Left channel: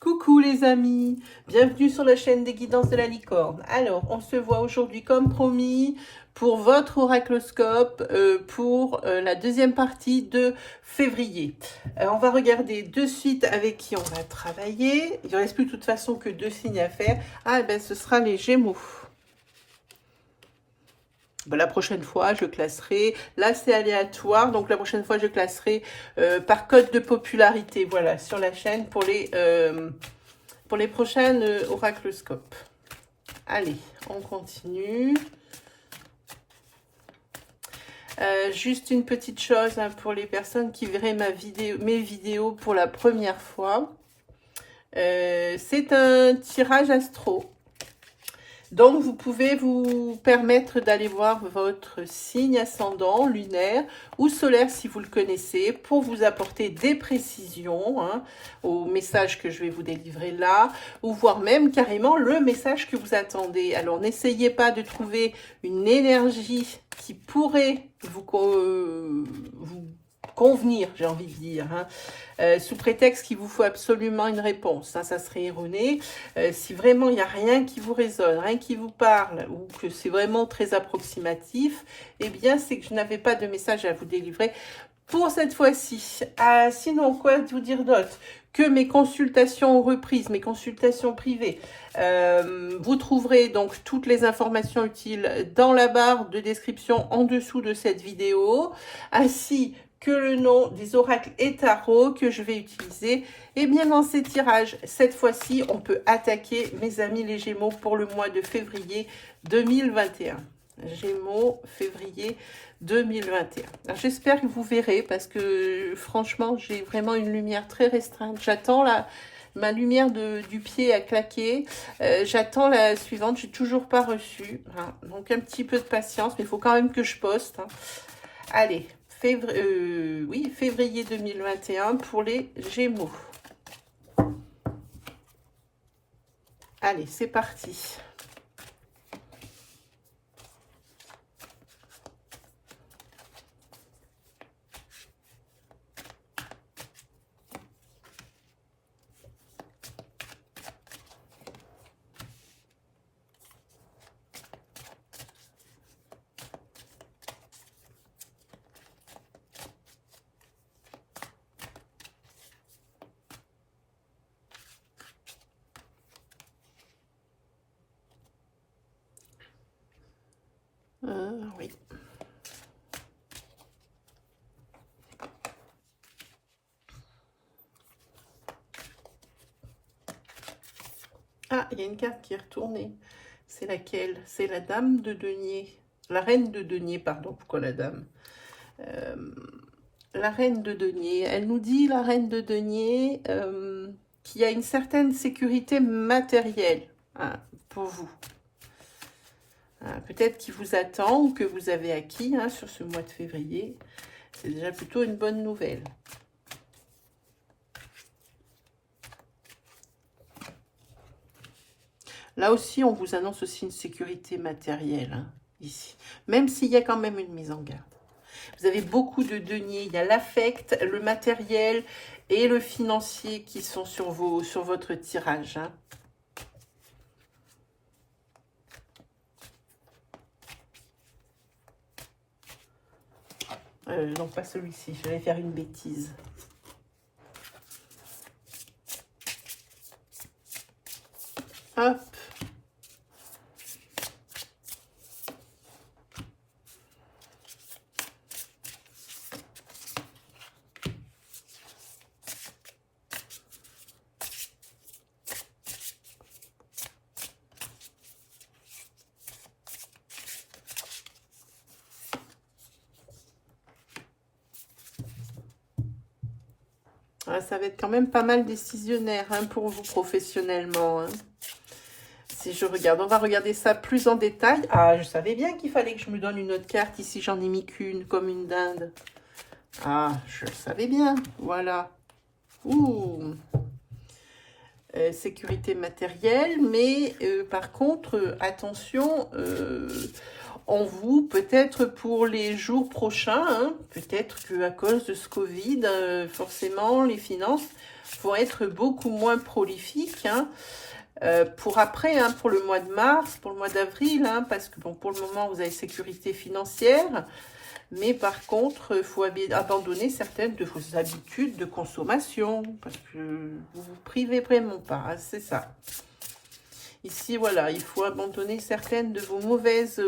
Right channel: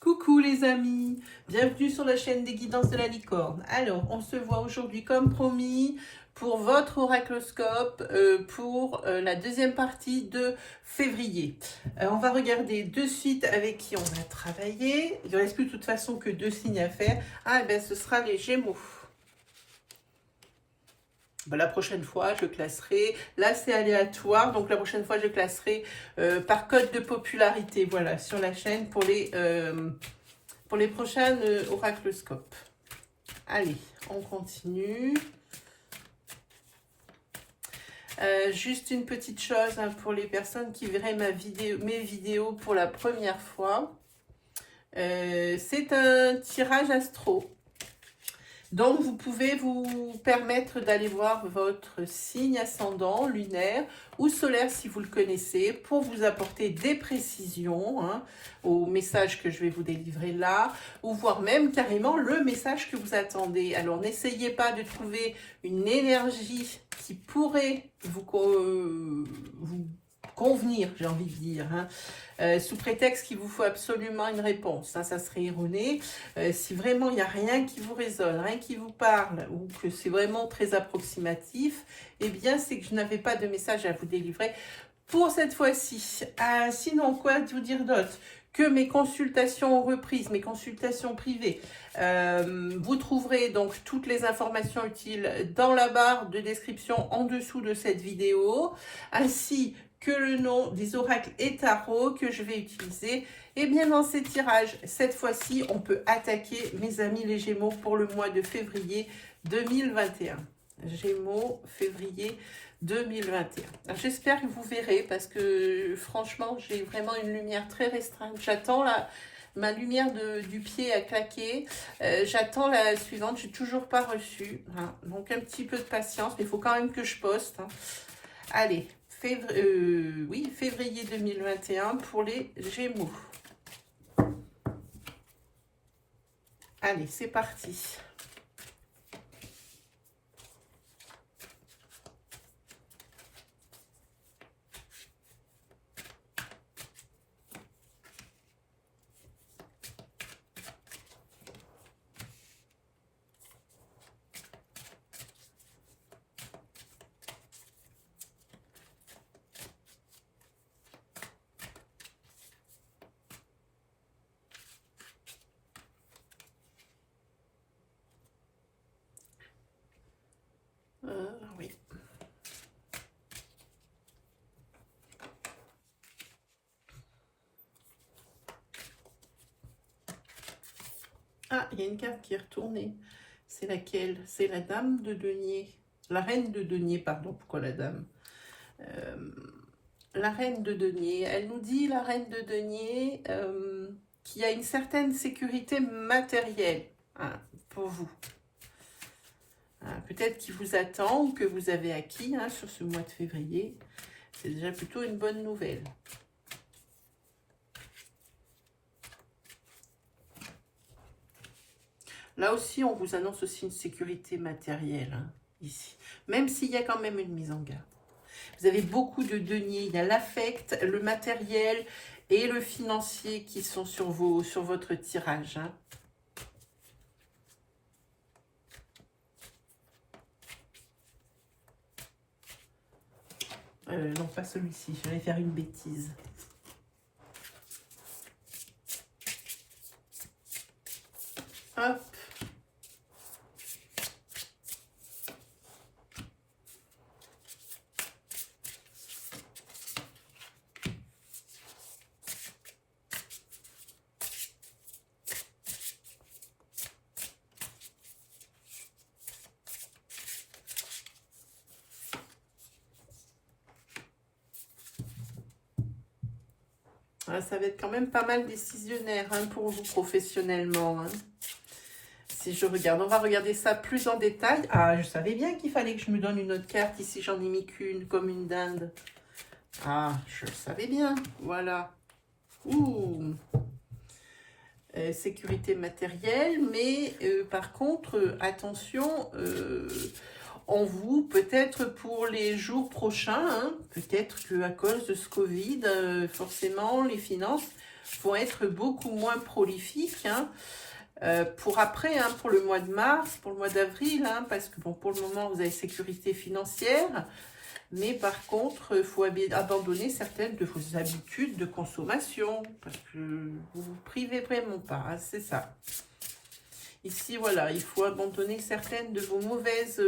Coucou les amis, bienvenue sur la chaîne des guidances de la licorne. Alors, on se voit aujourd'hui comme promis pour votre oracloscope pour la deuxième partie de février. On va regarder de suite avec qui on va travailler. Il ne reste plus de toute façon que 2 signes à faire. Ah, et ben ce sera les Gémeaux. La prochaine fois, je classerai, là c'est aléatoire, donc la prochaine fois, je classerai par code de popularité, voilà, sur la chaîne pour les prochaines oracloscopes. Allez, on continue. Juste une petite chose hein, pour les personnes qui verraient mes vidéos pour la première fois. C'est un tirage astro. Donc, vous pouvez vous permettre d'aller voir votre signe ascendant, lunaire ou solaire si vous le connaissez, pour vous apporter des précisions hein, au message que je vais vous délivrer là, ou voire même carrément le message que vous attendez. Alors, n'essayez pas de trouver une énergie qui pourrait vous convenir, j'ai envie de dire, hein, sous prétexte qu'il vous faut absolument une réponse. Hein, ça serait erroné. Si vraiment il n'y a rien qui vous résonne, rien qui vous parle, ou que c'est vraiment très approximatif, eh bien, c'est que je n'avais pas de message à vous délivrer pour cette fois-ci. Sinon, quoi vous dire d'autre? Que mes consultations ont reprise, mes consultations privées. Vous trouverez donc toutes les informations utiles dans la barre de description en dessous de cette vidéo, ainsi que le nom des oracles et tarots que je vais utiliser. Et bien dans ces tirages, cette fois-ci, on peut attaquer mes amis les Gémeaux pour le mois de février 2021. Gémeaux, février 2021. J'espère que vous verrez parce que franchement, j'ai vraiment une lumière très restreinte. J'attends ma lumière du pied à claquer. J'attends la suivante. J'ai toujours pas reçu. Hein. Donc un petit peu de patience, mais il faut quand même que je poste. Hein. Allez. Février 2021 pour les Gémeaux. Allez, c'est parti. Oui. Ah, il y a une carte qui est retournée. C'est laquelle? C'est la dame de denier. La reine de denier, pardon. Pourquoi la dame? La reine de denier. Elle nous dit, la reine de denier, qu'il y a une certaine sécurité matérielle hein, pour vous. Peut-être qu'il vous attend ou que vous avez acquis hein, sur ce mois de février. C'est déjà plutôt une bonne nouvelle. Là aussi, on vous annonce aussi une sécurité matérielle, hein, ici. Même s'il y a quand même une mise en garde. Vous avez beaucoup de deniers. Il y a l'affect, le matériel et le financier qui sont sur votre tirage. Hein. Non, pas celui-ci. Je vais faire une bêtise. Hop. Ça va être quand même pas mal décisionnaire hein, pour vous professionnellement. Hein. Si je regarde, on va regarder ça plus en détail. Ah, je savais bien qu'il fallait que je me donne une autre carte. Ici, j'en ai mis qu'une, comme une dinde. Ah, je le savais bien. Voilà. Ouh. Sécurité matérielle, mais par contre, attention, on vous, peut-être pour les jours prochains, hein, peut-être qu'à cause de ce Covid, forcément, les finances vont être beaucoup moins prolifiques, hein. Pour après, hein, pour le mois de mars, pour le mois d'avril, hein, parce que bon, pour le moment, vous avez sécurité financière, mais par contre, il faut abandonner certaines de vos habitudes de consommation, parce que vous vous privez vraiment pas, hein, c'est ça. Ici, voilà, il faut abandonner certaines de vos mauvaises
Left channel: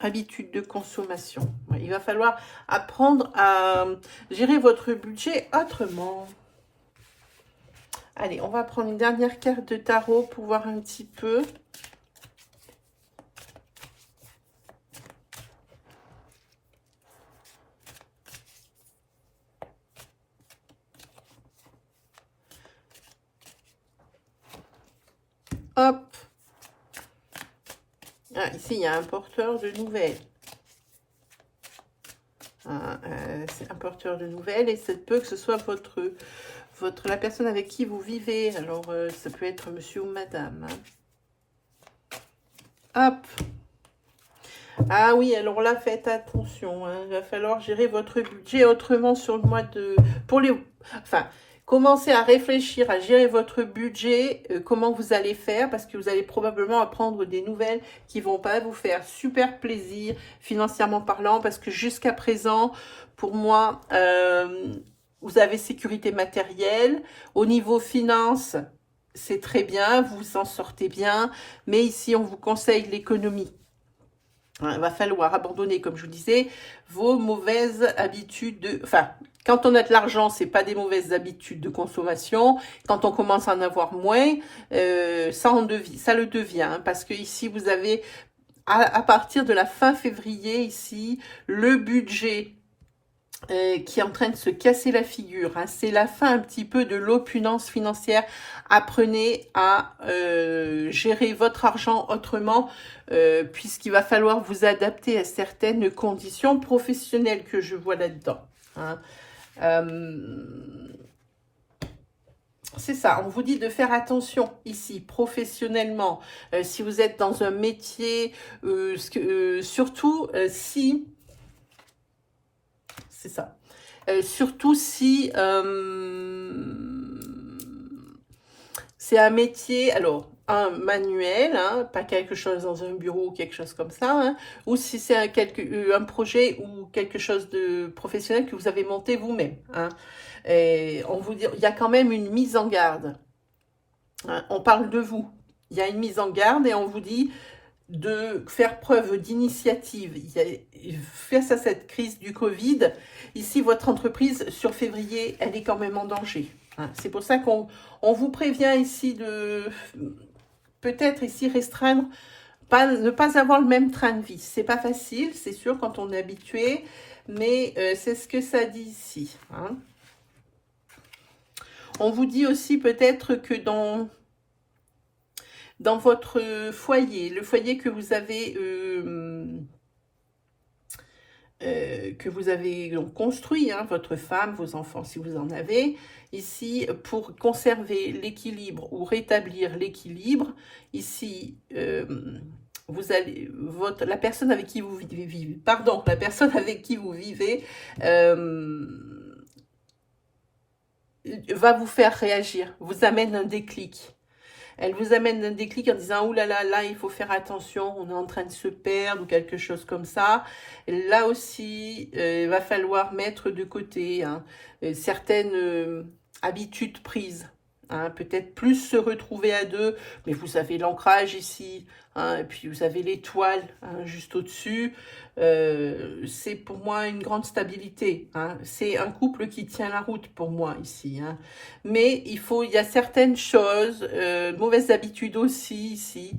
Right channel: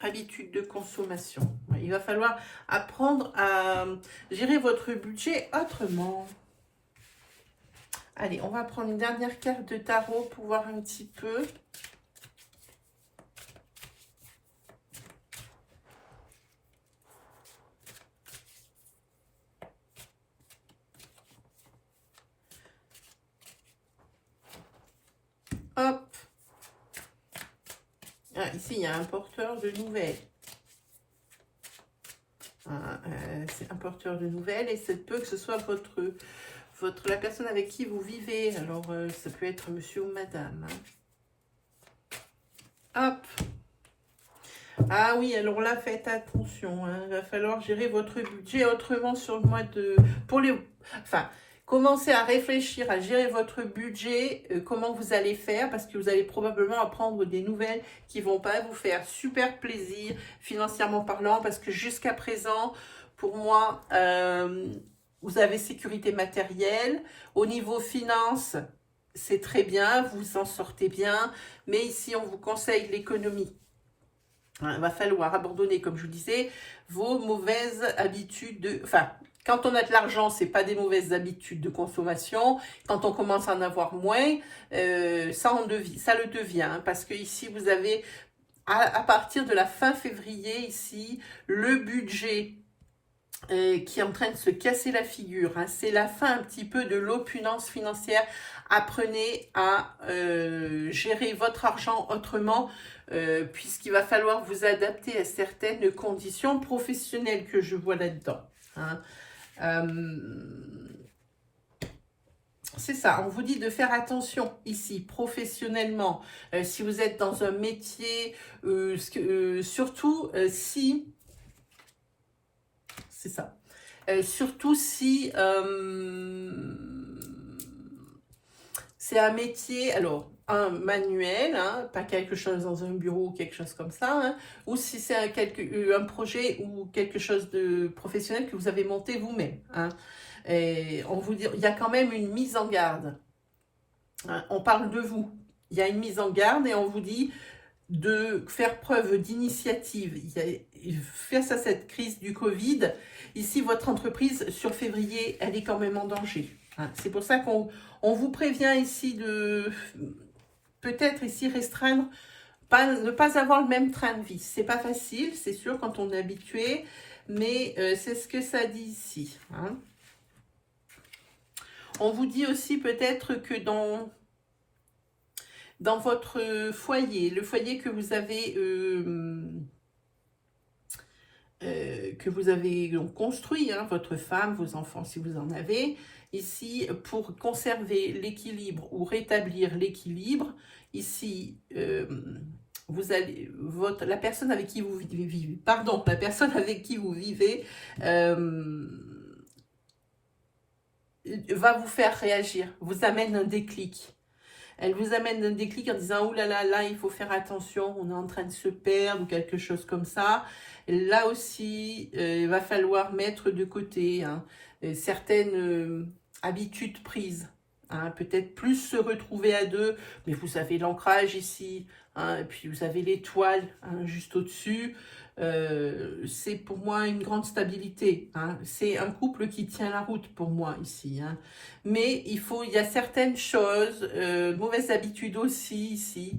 habitudes de consommation. Il va falloir apprendre à gérer votre budget autrement. Allez, on va prendre une dernière carte de tarot pour voir un petit peu. Hop. Ah, ici, il y a un porteur de nouvelles. C'est un porteur de nouvelles et ça peut que ce soit la personne avec qui vous vivez. Alors, ça peut être monsieur ou madame. Hein. Hop. Ah oui, alors là, faites attention. Hein. Il va falloir gérer votre budget autrement sur le mois de... Enfin, commencez à réfléchir, à gérer votre budget, comment vous allez faire, parce que vous allez probablement apprendre des nouvelles qui ne vont pas vous faire super plaisir, financièrement parlant, parce que jusqu'à présent, pour moi, vous avez sécurité matérielle. Au niveau finance, c'est très bien, vous en sortez bien, mais ici, on vous conseille l'économie. Il va falloir abandonner, comme je vous disais, vos mauvaises habitudes. Enfin, quand on a de l'argent, ce n'est pas des mauvaises habitudes de consommation. Quand on commence à en avoir moins, ça le devient. Hein, parce que ici, vous avez, à partir de la fin février, ici, le budget qui est en train de se casser la figure. Hein. C'est la fin un petit peu de l'opulence financière. Apprenez à gérer votre argent autrement, puisqu'il va falloir vous adapter à certaines conditions professionnelles que je vois là-dedans. Hein. C'est ça, on vous dit de faire attention ici, professionnellement, si vous êtes dans un métier, surtout si... C'est ça. Surtout si c'est un métier, alors, un manuel, hein, pas quelque chose dans un bureau ou quelque chose comme ça, hein, ou si c'est un projet ou quelque chose de professionnel que vous avez monté vous-même. Hein. Et on vous dit, il y a quand même une mise en garde. Hein, on parle de vous. Il y a une mise en garde et on vous dit de faire preuve d'initiative face à cette crise du Covid. Ici, votre entreprise, sur février, elle est quand même en danger. Hein. C'est pour ça qu'on vous prévient ici de peut-être ici restreindre, ne pas avoir le même train de vie. C'est pas facile, c'est sûr, quand on est habitué, mais c'est ce que ça dit ici. Hein. On vous dit aussi peut-être que dans votre foyer, le foyer que vous avez donc construit, hein, votre femme, vos enfants si vous en avez, ici pour conserver l'équilibre ou rétablir l'équilibre, ici la personne avec qui vous vivez, va vous faire réagir, vous amène un déclic. Elle vous amène un déclic en disant « Oh là là, là, il faut faire attention, on est en train de se perdre » ou quelque chose comme ça. Et là aussi, il va falloir mettre de côté hein, certaines habitudes prises. Hein, peut-être plus se retrouver à deux, mais vous avez l'ancrage ici, hein, et puis vous avez l'étoile hein, juste au-dessus. C'est pour moi une grande stabilité. Hein. C'est un couple qui tient la route pour moi ici. Hein. Mais il y a certaines choses, mauvaises habitudes aussi ici,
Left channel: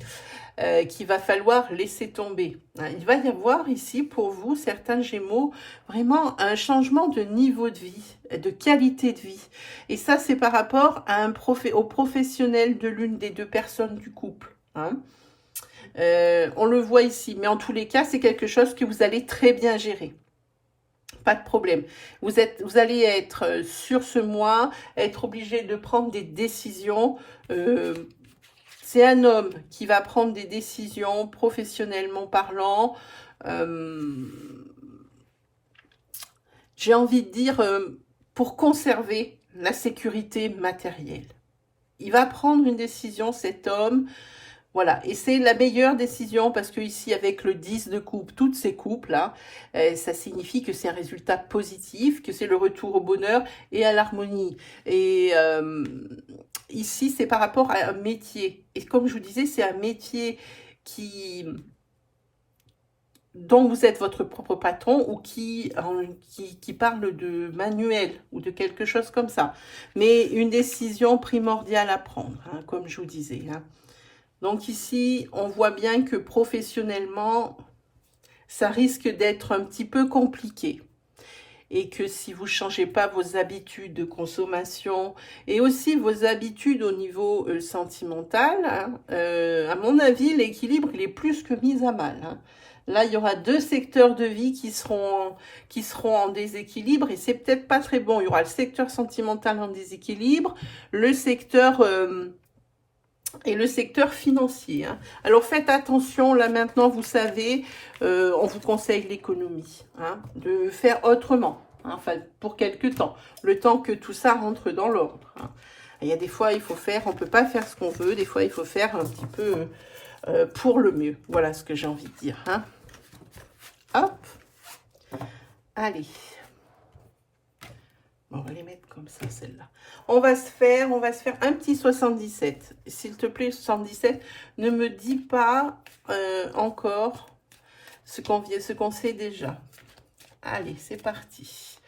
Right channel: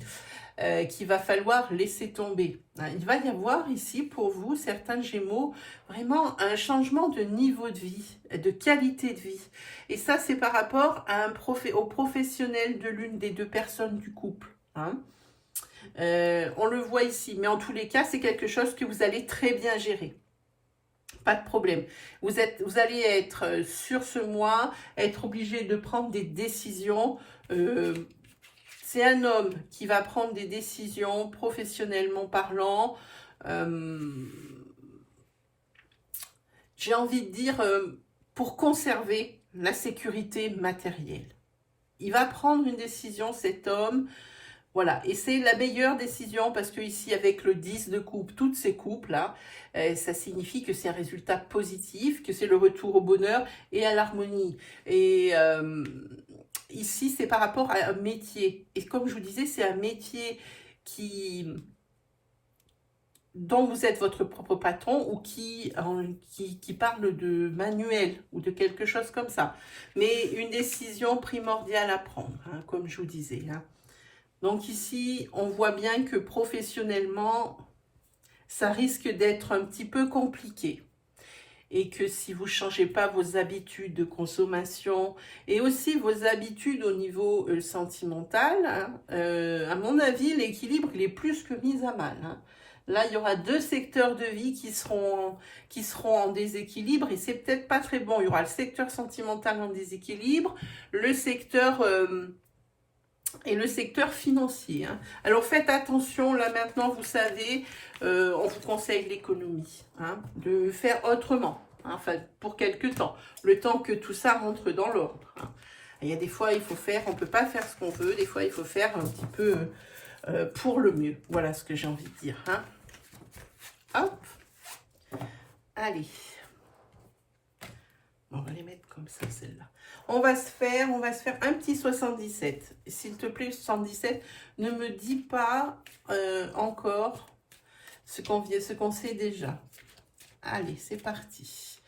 qu'il va falloir laisser tomber. Hein. Il va y avoir ici pour vous, certains Gémeaux, vraiment un changement de niveau de vie, de qualité de vie. Et ça, c'est par rapport à au professionnel de l'une des deux personnes du couple. Hein. On le voit ici, mais en tous les cas, c'est quelque chose que vous allez très bien gérer. Pas de problème. Vous allez être sur ce mois, être obligé de prendre des décisions. C'est un homme qui va prendre des décisions professionnellement parlant. J'ai envie de dire, pour conserver la sécurité matérielle. Il va prendre une décision, cet homme, voilà, et c'est la meilleure décision parce que ici, avec le 10 de coupe, toutes ces coupes-là, ça signifie que c'est un résultat positif, que c'est le retour au bonheur et à l'harmonie. Et ici, c'est par rapport à un métier. Et comme je vous disais, c'est un métier dont vous êtes votre propre patron ou qui parle de manuel ou de quelque chose comme ça. Mais une décision primordiale à prendre, hein, comme je vous disais, hein. Donc ici, on voit bien que professionnellement, ça risque d'être un petit peu compliqué. Et que si vous ne changez pas vos habitudes de consommation et aussi vos habitudes au niveau sentimental, hein, à mon avis, l'équilibre, il est plus que mis à mal, hein. Là, il y aura deux secteurs de vie qui seront en déséquilibre et c'est peut-être pas très bon. Il y aura le secteur sentimental en déséquilibre, le secteur... et le secteur financier, hein. Alors faites attention, là maintenant vous savez, on vous conseille l'économie, hein, de faire autrement, hein, enfin pour quelque temps, le temps que tout ça rentre dans l'ordre, hein. Il y a des fois il faut faire, on ne peut pas faire ce qu'on veut, des fois il faut faire un petit peu pour le mieux, voilà ce que j'ai envie de dire, hein. Hop, allez. Bon, on va les mettre comme ça, celle-là. On va se faire un petit 77. S'il te plaît, 77, ne me dis pas encore ce qu'on sait déjà. Allez, c'est parti.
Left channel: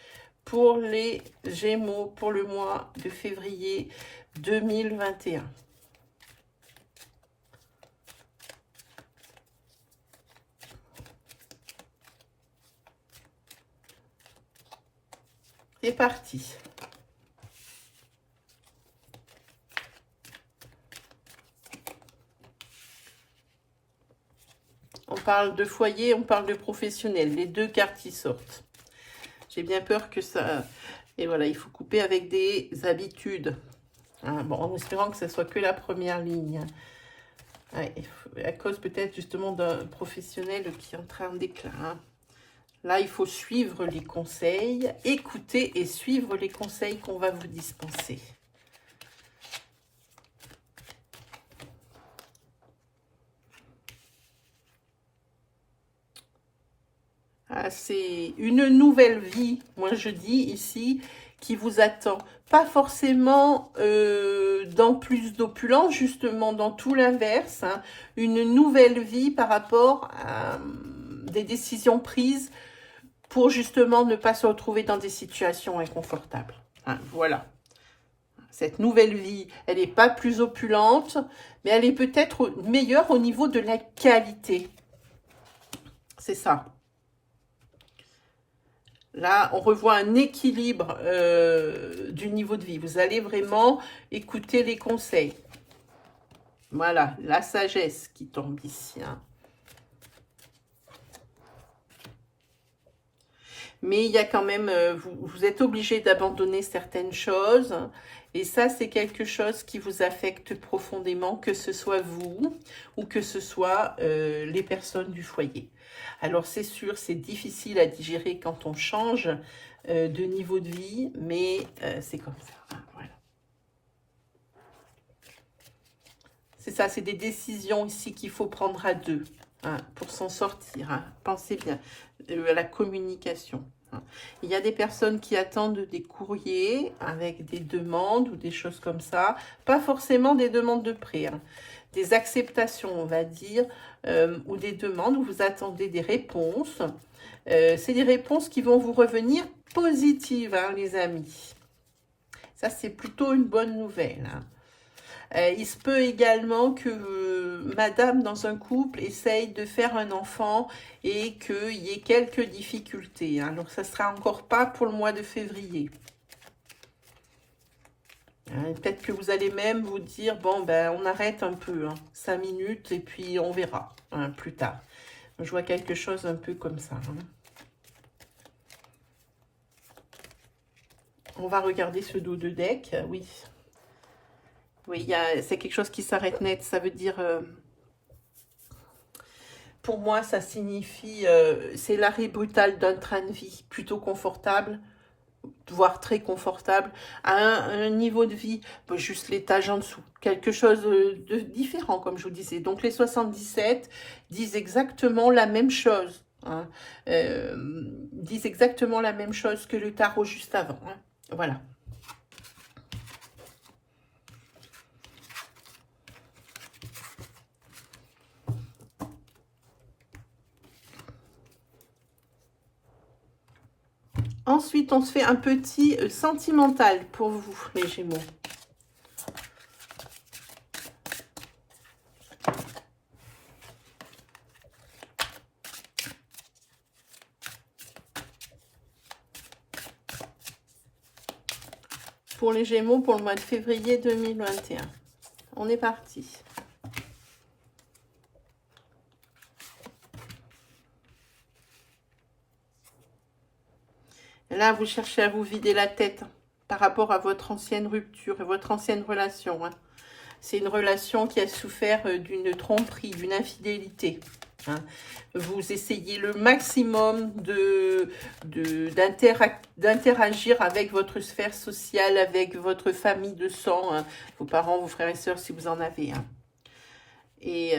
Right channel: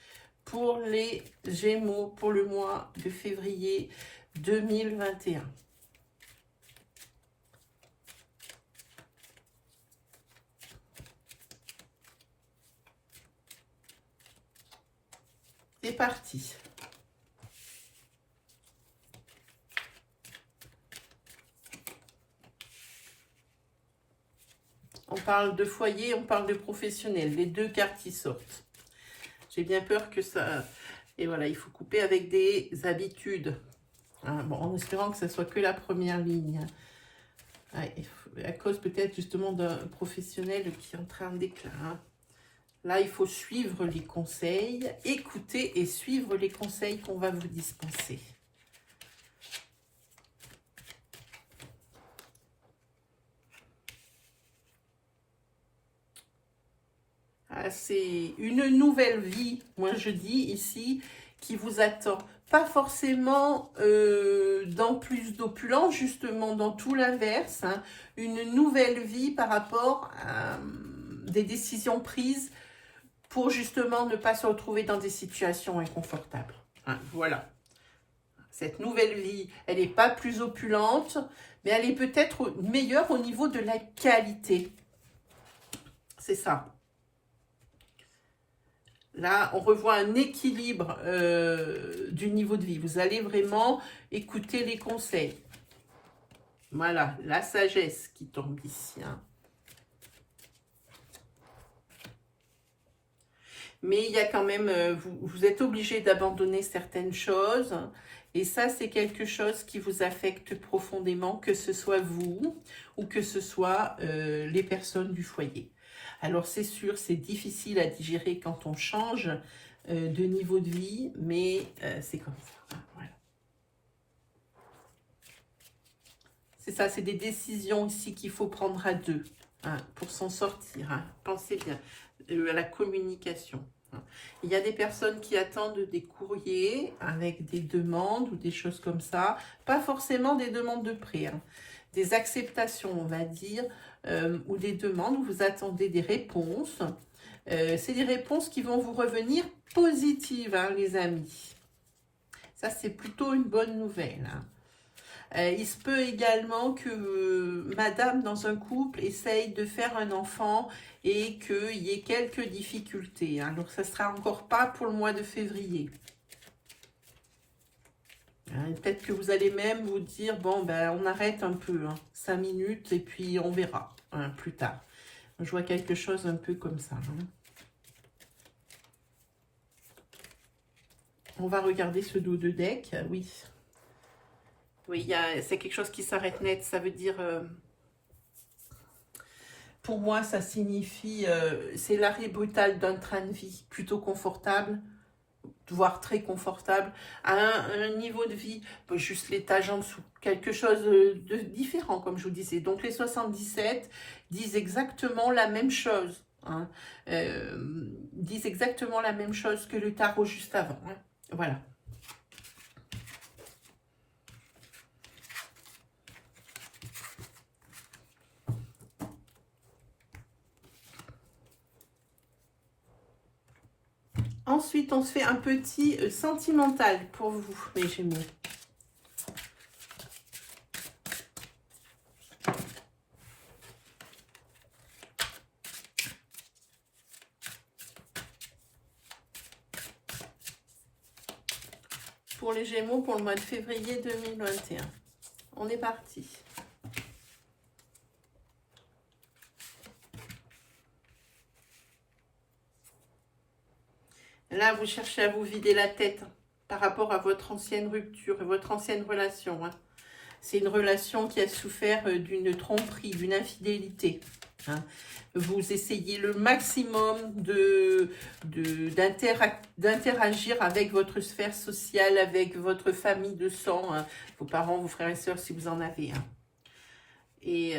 Pour les Gémeaux, pour le mois de février 2021. C'est parti. On parle de foyer, on parle de professionnel. Les deux cartes qui sortent. J'ai bien peur que ça... Et voilà, il faut couper avec des habitudes. Hein, bon, en espérant que ce soit que la première ligne. Ouais, à cause peut-être justement d'un professionnel qui est en train d'éclat, hein. Là, il faut suivre les conseils, écouter et suivre les conseils qu'on va vous dispenser. Ah, c'est une nouvelle vie, moi je dis ici, qui vous attend. Pas forcément dans plus d'opulence, justement dans tout l'inverse, hein. Une nouvelle vie par rapport à des décisions prises pour justement ne pas se retrouver dans des situations inconfortables, hein, voilà. Cette nouvelle vie, elle n'est pas plus opulente, mais elle est peut-être meilleure au niveau de la qualité. C'est ça. Là, on revoit un équilibre du niveau de vie. Vous allez vraiment écouter les conseils. Voilà, la sagesse qui tombe ici, hein. Mais il y a quand même, vous êtes obligé d'abandonner certaines choses. Et ça, c'est quelque chose qui vous affecte profondément, que ce soit vous ou que ce soit les personnes du foyer. Alors, c'est sûr, c'est difficile à digérer quand on change de niveau de vie, mais c'est comme ça, hein, voilà. C'est ça, c'est des décisions ici qu'il faut prendre à deux, hein, pour s'en sortir, hein. Pensez bien à la communication. Il y a des personnes qui attendent des courriers avec des demandes ou des choses comme ça. Pas forcément des demandes de prêt, hein. Des acceptations, on va dire, ou des demandes où vous attendez des réponses. C'est des réponses qui vont vous revenir positives, hein, les amis. Ça, c'est plutôt une bonne nouvelle, hein. Il se peut également que madame dans un couple essaye de faire un enfant et qu'il y ait quelques difficultés, hein. Alors ça ne sera encore pas pour le mois de février. Hein, peut-être que vous allez même vous dire, bon ben on arrête un peu, hein, 5 minutes et puis on verra, hein, plus tard. Je vois quelque chose un peu comme ça, hein. On va regarder ce dos de deck, oui. Oui, c'est quelque chose qui s'arrête net. Ça veut dire, pour moi, ça signifie, c'est l'arrêt brutal d'un train de vie plutôt confortable. voire très confortable, à un niveau de vie, juste l'étage en dessous, quelque chose de différent, comme je vous disais. Donc les 77 disent exactement la même chose, hein, disent exactement la même chose que le tarot juste avant, hein. Voilà. Ensuite, on se fait un petit sentimental pour vous, les Gémeaux. Pour les Gémeaux, pour le mois de février 2021. On est parti. Là, vous cherchez à vous vider la tête par rapport à votre ancienne rupture et votre ancienne relation, hein. C'est une relation qui a souffert d'une tromperie, d'une infidélité, hein. Vous essayez le maximum d'interagir avec votre sphère sociale, avec votre famille de sang, hein, vos parents, vos frères et sœurs, si vous en avez, hein. Et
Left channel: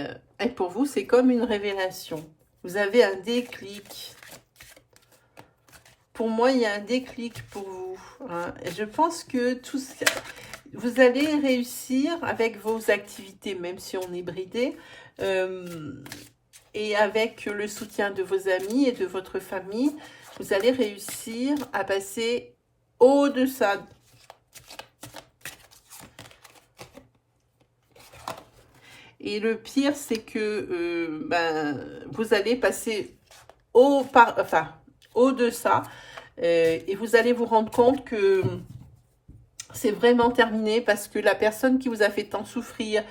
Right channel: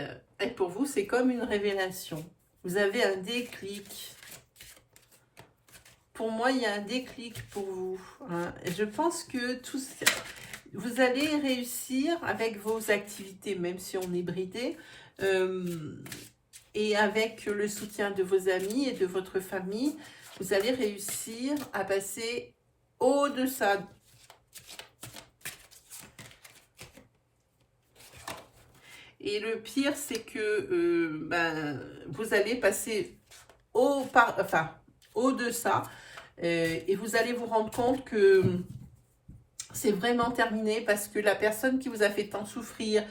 pour vous, c'est comme une révélation. Vous avez un déclic. Pour moi, il y a un déclic pour vous, hein. Je pense que tout ça, vous allez réussir avec vos activités, même si on est bridé, et avec le soutien de vos amis et de votre famille, vous allez réussir à passer au-delà. Et le pire, c'est que vous allez passer au-delà. Et vous allez vous rendre compte que c'est vraiment terminé parce que la personne qui vous a fait tant souffrir,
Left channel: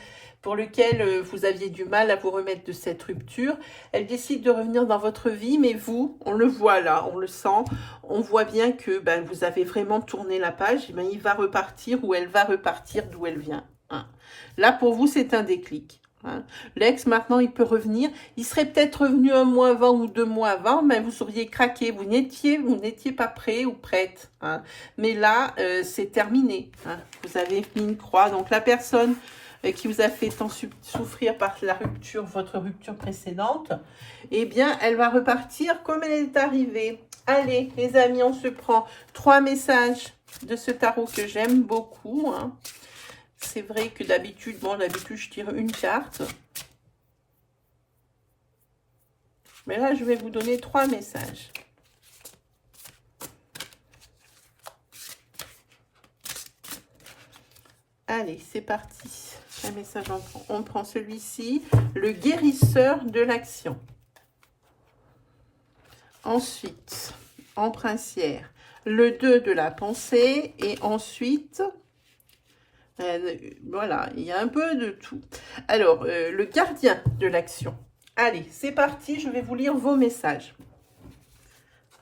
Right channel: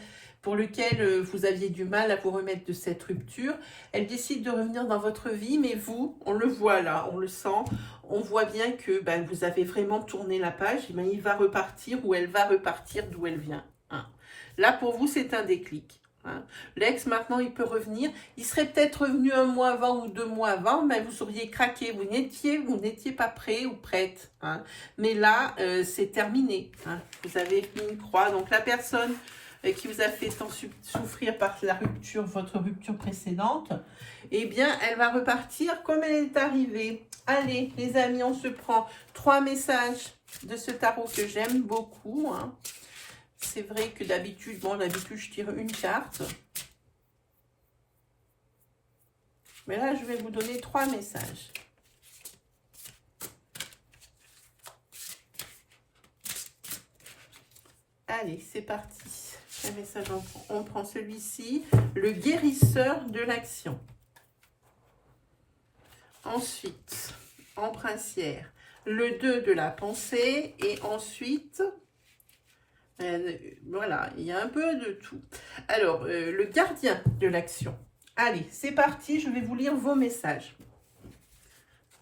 pour lequel vous aviez du mal à vous remettre de cette rupture, elle décide de revenir dans votre vie, mais vous, on le voit là, on le sent, on voit bien que vous avez vraiment tourné la page, et il va repartir ou elle va repartir d'où elle vient, hein. Là, pour vous, c'est un déclic, hein. L'ex, maintenant, il peut revenir. Il serait peut-être revenu 1 mois avant ou 2 mois avant, mais vous auriez craqué. Vous n'étiez pas prêt ou prête, hein. Mais là, c'est terminé, hein. Vous avez mis une croix. Donc, la personne qui vous a fait tant souffrir par la rupture, votre rupture précédente, eh bien, elle va repartir comme elle est arrivée. Allez, les amis, on se prend 3 messages de ce tarot que j'aime beaucoup, hein. C'est vrai que d'habitude, je tire une carte. Mais là, je vais vous donner 3 messages. Allez, c'est parti. Un message, on prend celui-ci. Le guérisseur de l'action. Ensuite, en princière, le 2 de la pensée. Et ensuite... voilà, il y a un peu de tout. Alors, le gardien de l'action. Allez, c'est parti, je vais vous lire vos messages.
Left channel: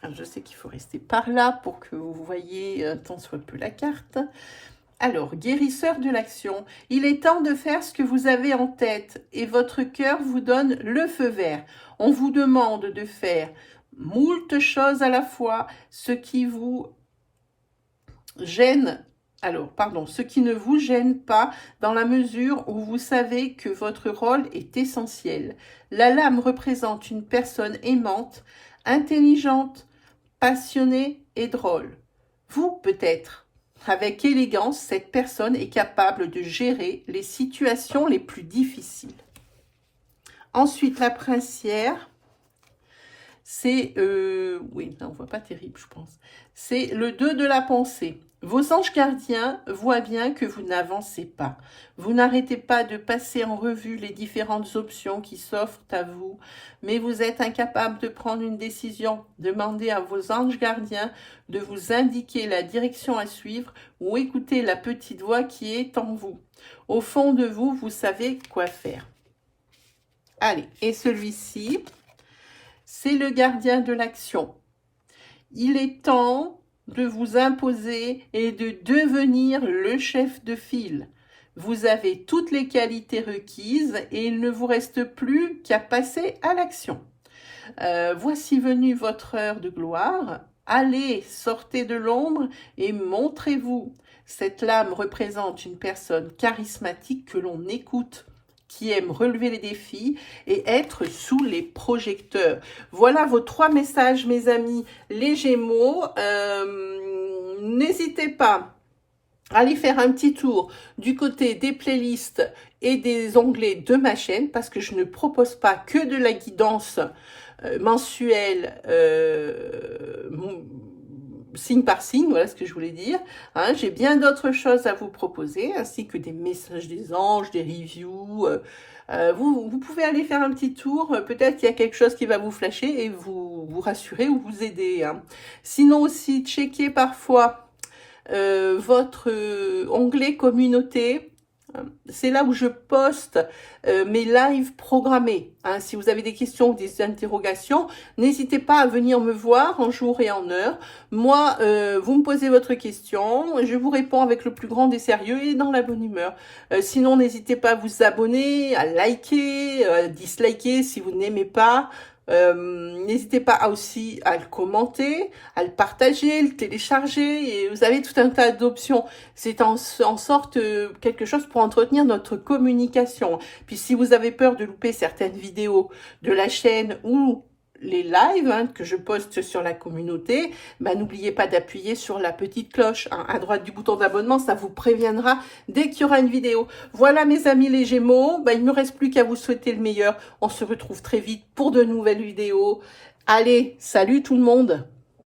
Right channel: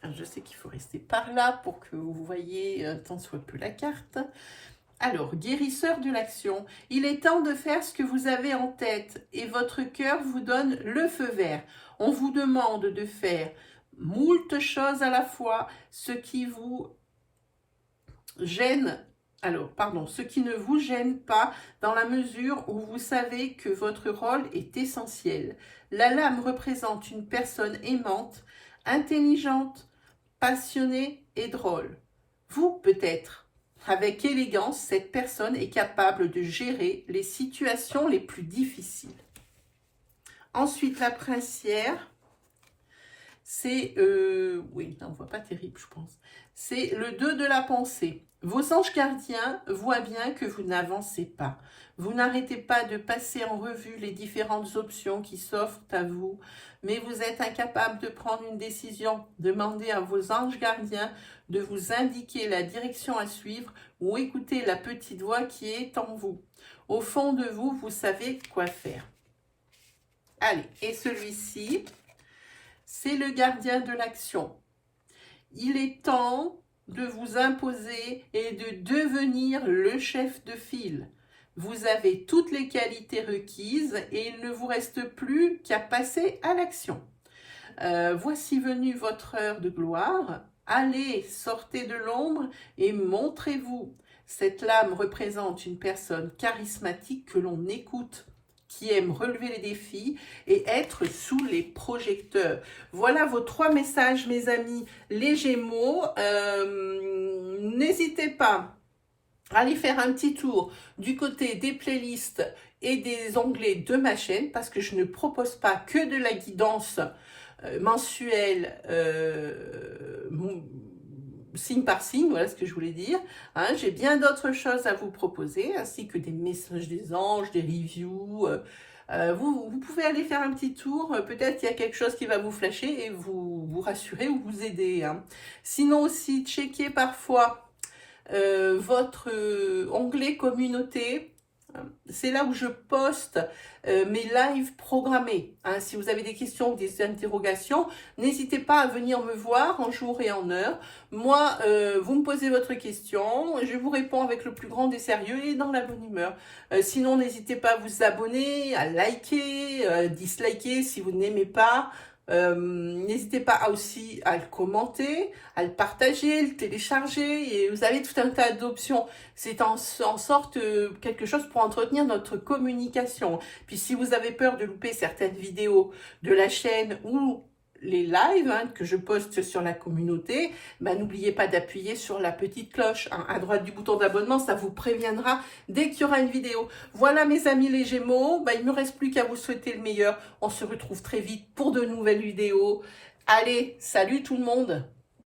Alors, je sais qu'il faut rester par là pour que vous voyez tant soit peu la carte. Alors, guérisseur de l'action. Il est temps de faire ce que vous avez en tête et votre cœur vous donne le feu vert. On vous demande de faire moult choses à la fois, ce qui vous gêne. Alors, pardon, ce qui ne vous gêne pas dans la mesure où vous savez que votre rôle est essentiel. La lame représente une personne aimante, intelligente, passionnée et drôle. Vous, peut-être, avec élégance, cette personne est capable de gérer les situations les plus difficiles. Ensuite, la princière, c'est... oui, on ne voit pas terrible, je pense. C'est le 2 de la pensée. Vos anges gardiens voient bien que vous n'avancez pas. Vous n'arrêtez pas de passer en revue les différentes options qui s'offrent à vous, mais vous êtes incapable de prendre une décision. Demandez à vos anges gardiens de vous indiquer la direction à suivre ou écoutez la petite voix qui est en vous. Au fond de vous, vous savez quoi faire. Allez, et celui-ci, c'est le gardien de l'action. Il est temps de vous imposer et de devenir le chef de file. Vous avez toutes les qualités requises et il ne vous reste plus qu'à passer à l'action. Voici venue votre heure de gloire. Allez, sortez de l'ombre et montrez-vous. Cette lame représente une personne charismatique que l'on écoute, qui aime relever les défis et être sous les projecteurs. Voilà vos 3 messages, mes amis, les Gémeaux. N'hésitez pas à aller faire un petit tour du côté des playlists et des onglets de ma chaîne, parce que je ne propose pas que de la guidance mensuelle, signe par signe, voilà ce que je voulais dire. Hein, j'ai bien d'autres choses à vous proposer, ainsi que des messages des anges, des reviews. Vous pouvez aller faire un petit tour, peut-être qu'il y a quelque chose qui va vous flasher et vous rassurer ou vous aider. Hein. Sinon aussi, checkez parfois votre onglet communauté. C'est là où je poste mes lives programmés. Hein. Si vous avez des questions ou des interrogations, n'hésitez pas à venir me voir en jour et en heure. Moi, vous me posez votre question, je vous réponds avec le plus grand des sérieux et dans la bonne humeur. Sinon, n'hésitez pas à vous abonner, à liker, à disliker si vous n'aimez pas. N'hésitez pas aussi à le commenter, à le partager, le télécharger, et vous avez tout un tas d'options. C'est en sorte quelque chose pour entretenir notre communication. Puis si vous avez peur de louper certaines vidéos de la chaîne ou les lives que je poste sur la communauté, n'oubliez pas d'appuyer sur la petite cloche à droite du bouton d'abonnement, ça vous préviendra dès qu'il y aura une vidéo. Voilà mes amis les Gémeaux, il ne me reste plus qu'à vous souhaiter le meilleur. On se retrouve très vite pour de nouvelles vidéos. Allez, salut tout le monde!